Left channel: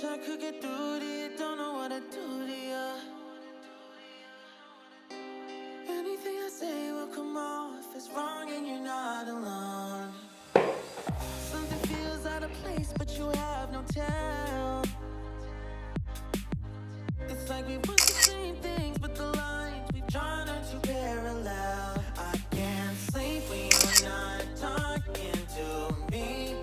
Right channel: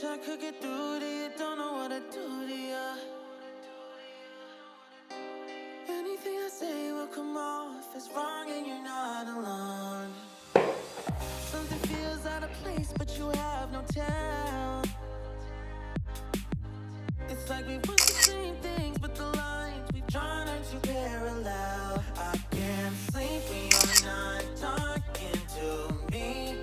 wish I could get through to you, don't know what to do to you. Anything I say will come off as wrong and you're not alone. Something feels out of place, but you have no tell. It's like we want the same things, but the lines we've drawn are too parallel. I can't sleep when you're not talking to me.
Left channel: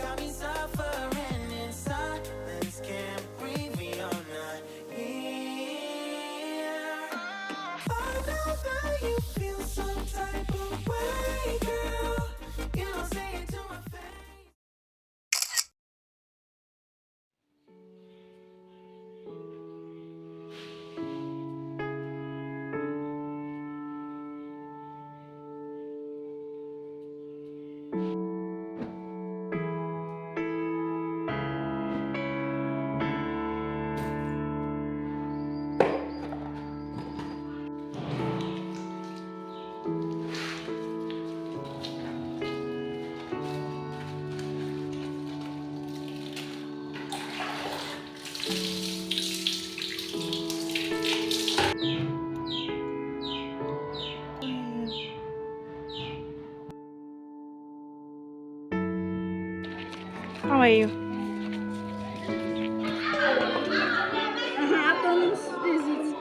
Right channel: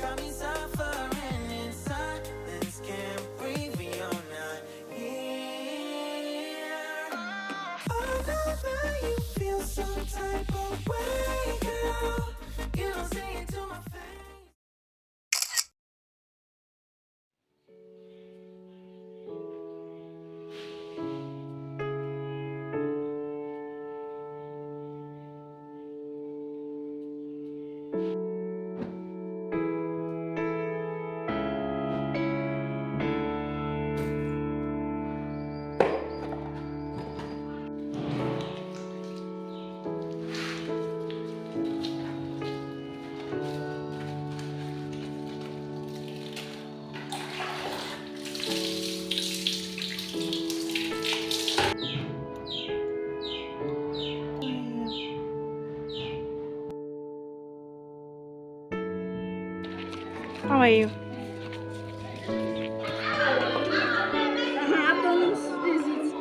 Got me suffering in silence, can't breathe when you're not here. I know that you feel some type of way, girl. You don't say it to my face. How are you? Afternoon visit.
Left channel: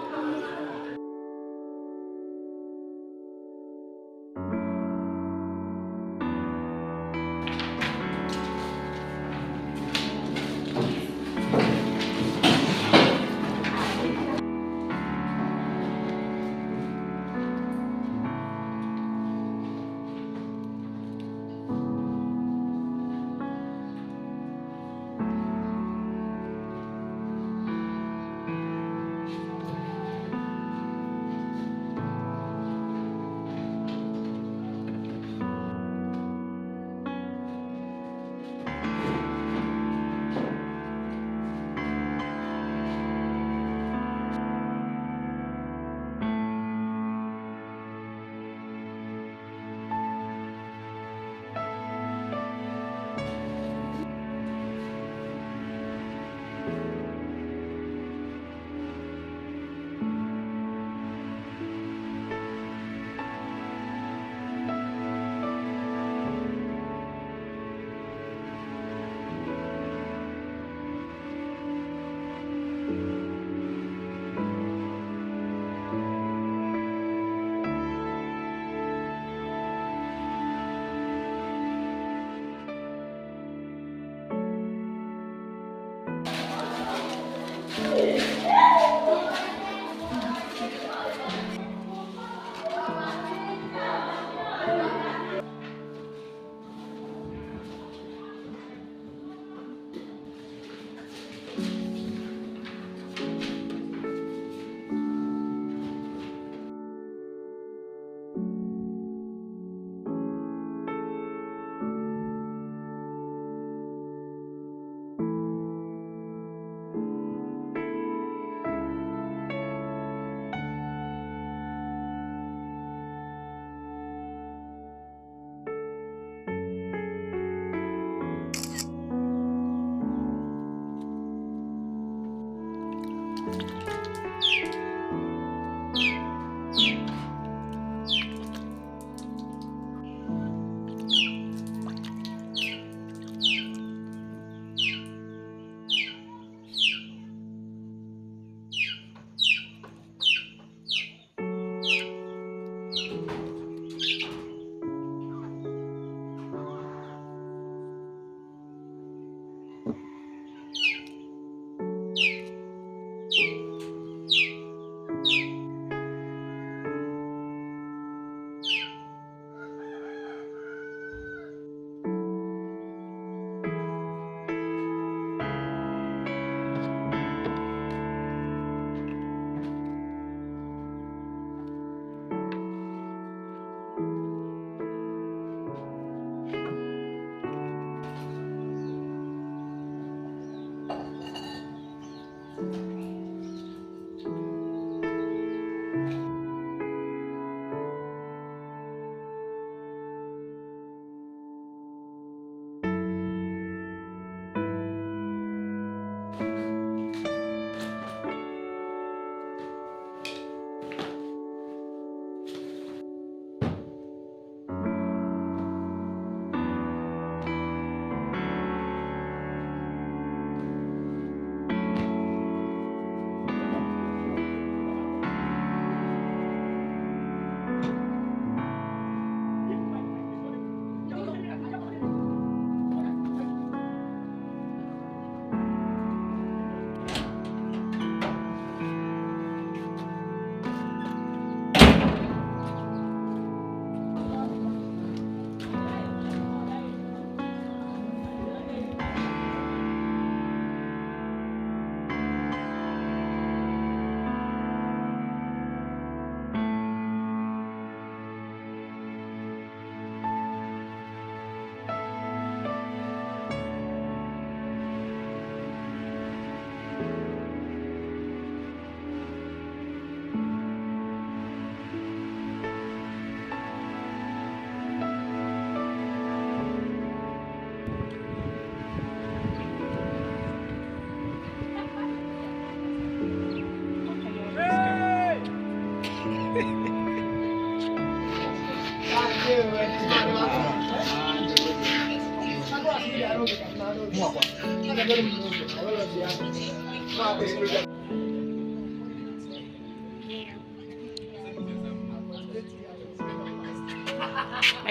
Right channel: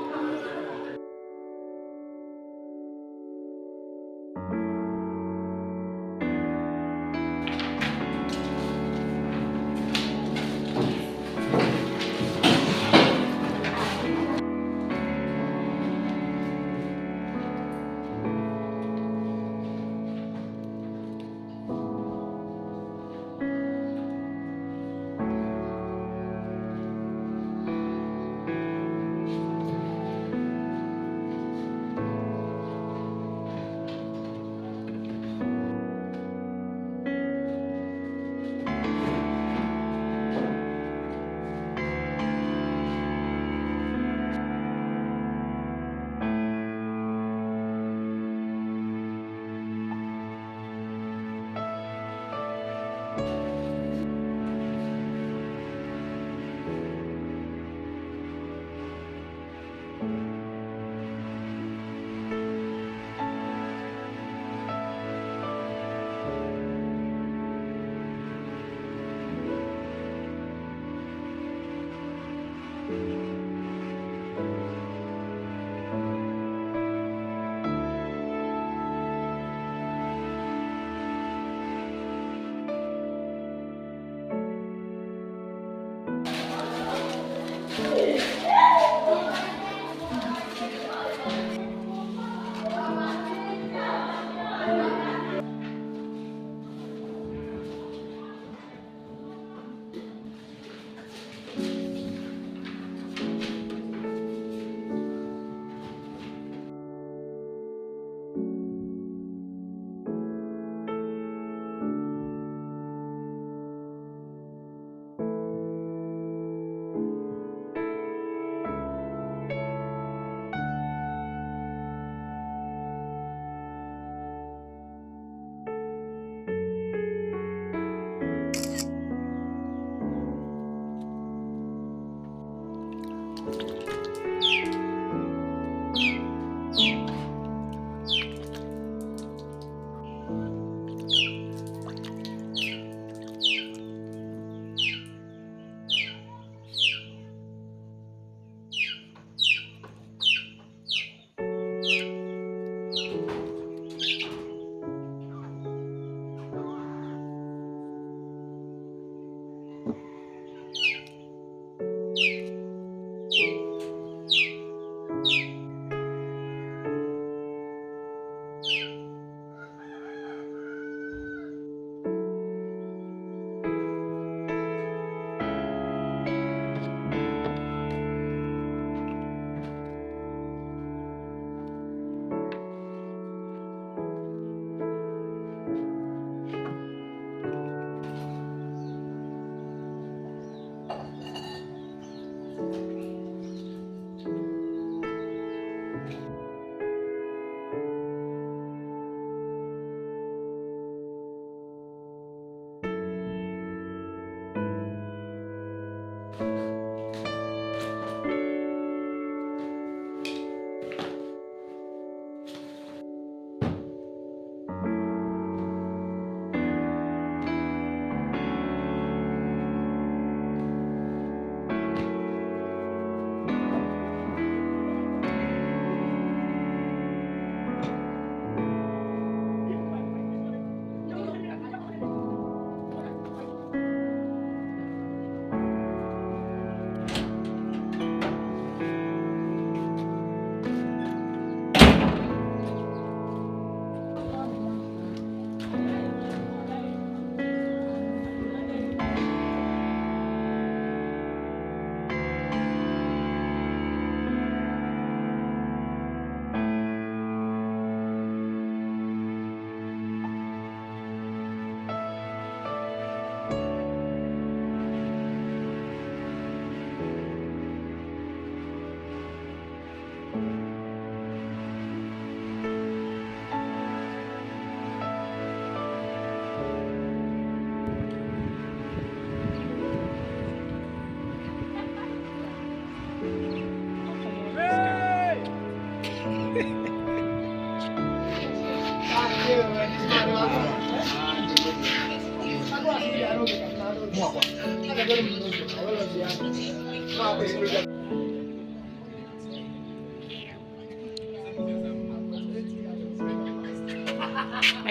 My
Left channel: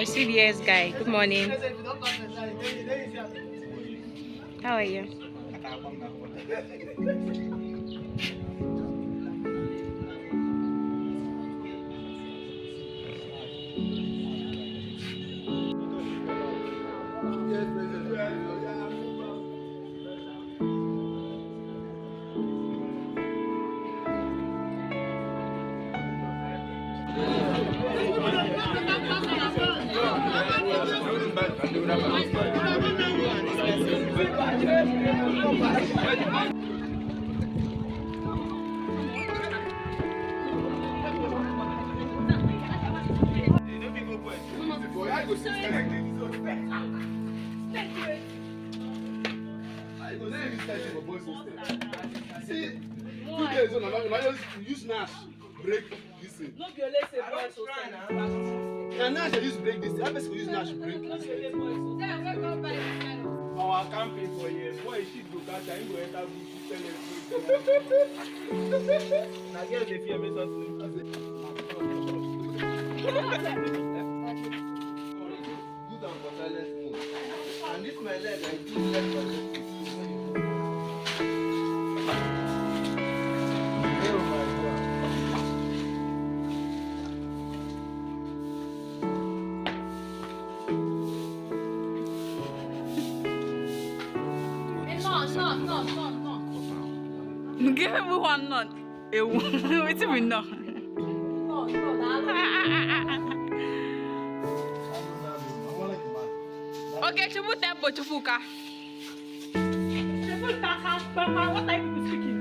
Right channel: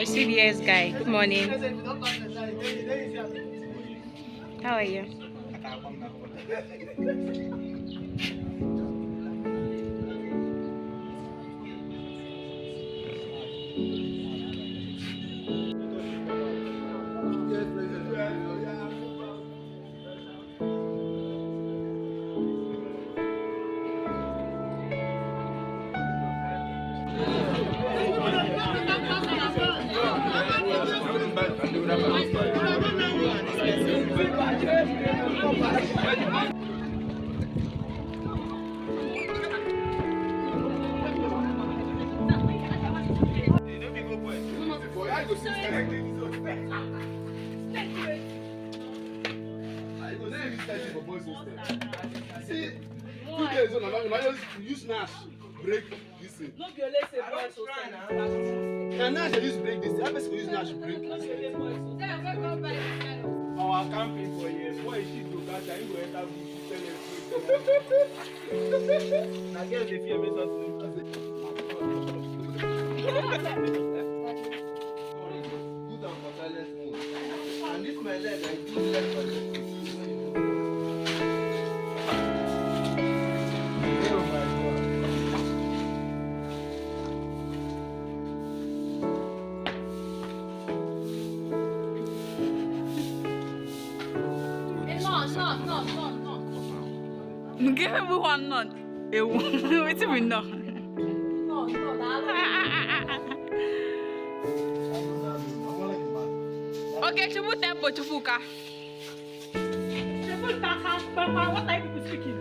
CBS guy, good morning. How are you? See, 2 days on, use Nash break this thing. No, you say boys now. Nash use break this. I best use Nash break this. Our camping for years. Boy, she go catch and go enter bush. Now girls they fear me something. Good and for silent mode. And this my leg, I do leg for this. Oh my God. No. Give everyone none. Wait a minute. No. Okay, Chubu tempo Chubuka. What are you speaking?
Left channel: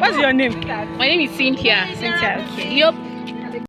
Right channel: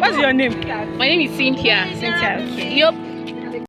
What's your name? My name is Cynthia. Cynthia, okay. Yup.